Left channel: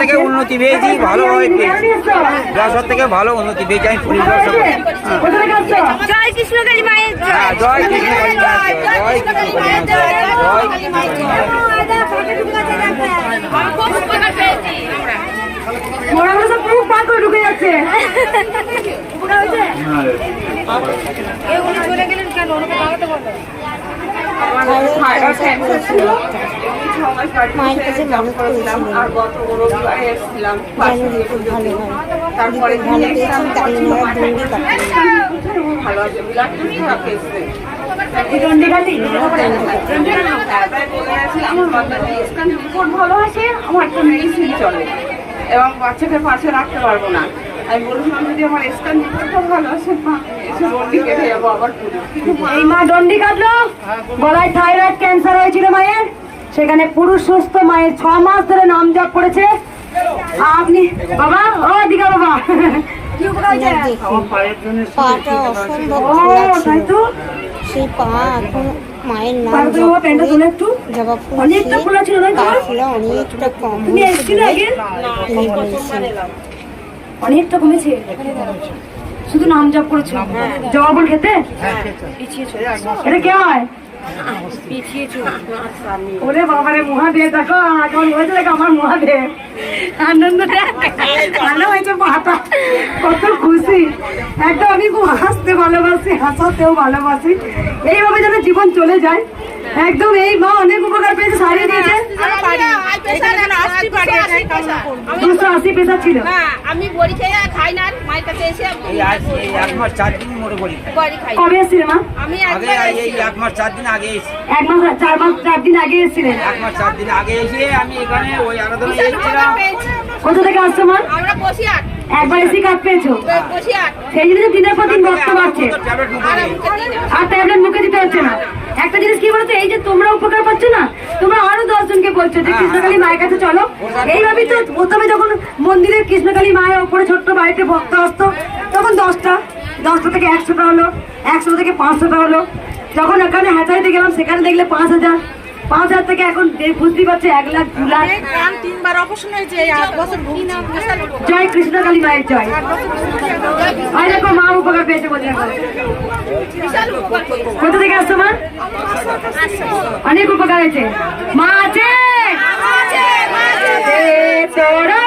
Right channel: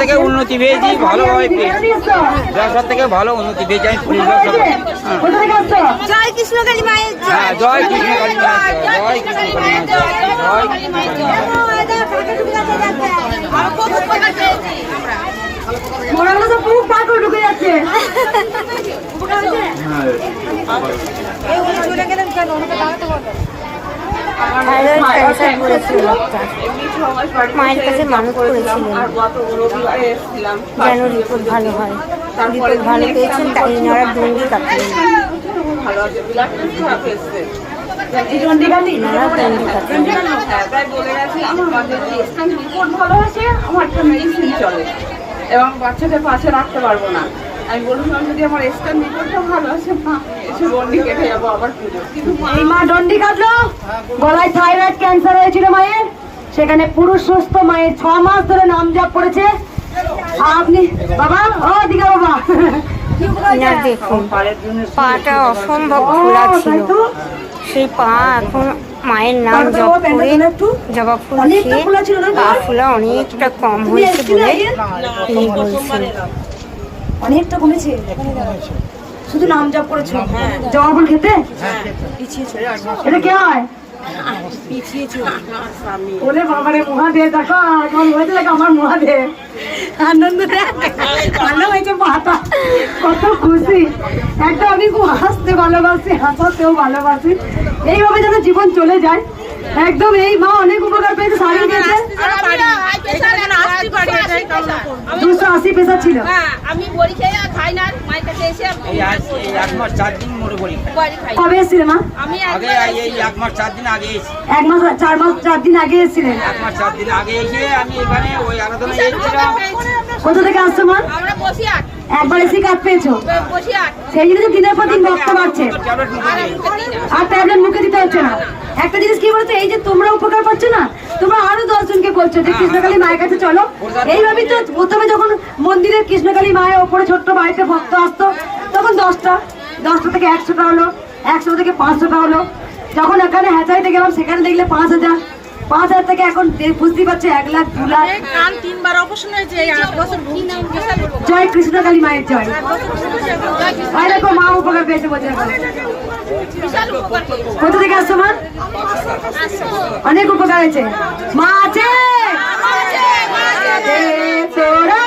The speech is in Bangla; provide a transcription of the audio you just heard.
থেকে উন্নতি পেয়েছি, ভালোভাবে পেয়েছি, ব্যবসার থেকে ভালো উন্নতি পেয়েছি। আমি পুলিশ ব্যবসা করি। জয় কৃষ্ণকালী মায়ের জয়। জয় কৃষ্ণকালী মায়ের জয়, জয় কৃষ্ণকালী মায়ের জয়। থাইরয়েড ক্যান্সার করেছিল, মায়ের কাছে মানুষ করেছিলেন যেন রিপোর্ট ভালো হয়। রিপোর্ট ভালো পেয়েছেন, তাই এনারা ডন্ডি কাটলেন। এবং বাচ্চাকে পাশে রাখতে পারবো না। আমি বললাম যদি আমার স্ক্যান রিপোর্টটা ভালো আসে মা এসে ডন্ডি কেটে যাবো আবার পুজো। কিন্তু এই মা ডন্ডি কাটলো, গলায় থাইরয়েড ক্যান্সার হয়েছিল মায়ের, সেখানে পুরুষ সুস্থ মায়ের 6 মাস ধরে নাম জপ করেছে। আপনি বাবা, ও দিঘা বাবা, দেখুন পাটা অসম্ভব খোলা ছিল, সেই পা এখন মায়ের নাম জপ করে জবা ফুল খেয়ে পা ফোলা অনেকটা কম হয়েছে বলে তিনি বলছেন। অনেকটা কমেছে, শুধু নাম জপ করেছো। জবা ফুল খেতে এটা কে হয়? ওরে বাবারে, মহাদেব দেখো আমার মনে লাগে, আমার মহাদেব আনন্দ ভালো হয়েছে, পাতা কত খুশি। একটা আমি খুব হাসতে ভালোবাসি, হাসাতেও ভালোবাসি, এইভাবে যেন জীবন চলে যায়। একদম এই মা অনেক উপকার পেয়েছে, শাড়ি দিয়েছে। 280 পেশা ছিল। আমি বড়ি খেয়ে খাই না, মায়ের কাছে এসে 1 মাস 4 দিন মোটে বড়ি খাই। কবে এসেছিল মা? আমি আগে এই 1 মাস 4 দিন আগে এসেছি। 1 মাস 4 দিন আগে এসেছিলেন। 1 মাস 4 দিন আগে এসে আমি এখানে ওই আরাধনা এসেছিলাম। কোথা থেকে আসছো মা? আমরা বসিয়াট। একবার এসে কাজ পেয়েছো? বসিয়াট। সেই জন্য দিনের পর দিন রক্ত বাড়ছে, আর ট্যাবলেট মুখে দিতে হচ্ছে না। একটা জিনিস কি বলতো, এই যে তোমরা উপকার পাচ্ছ না, তোমরা আরো 10 জনকে বলছো যে কৃষ্ণকালী মায়ের কাছে চলো। এইভাবেই তো প্রথমে যখন মন্দিরের কৃষ্ণকালী মায়ের ওপরে ছোট্ট বাড়িতে ভক্ত আসতো, তখন 10টা থেকে 100টা হলো, 100 থেকে 500টা হলো। যখন এখানে হ্যাচাইতে গেলাম, সেখানে দেখলে 5,000 থেকে এখন বুঝতেই পারছে 1 লাখ 2 লাখ। 3বার অপারেশন হয়েছে, 8 বছর ভুগছি। জয় কৃষ্ণকালী মায়ের জয়। দেখো মা উপকার পেয়েছে বলছে। কোথা থেকে আসছো মা? অনেক উপকার হয়েছে। মা আছে তোরা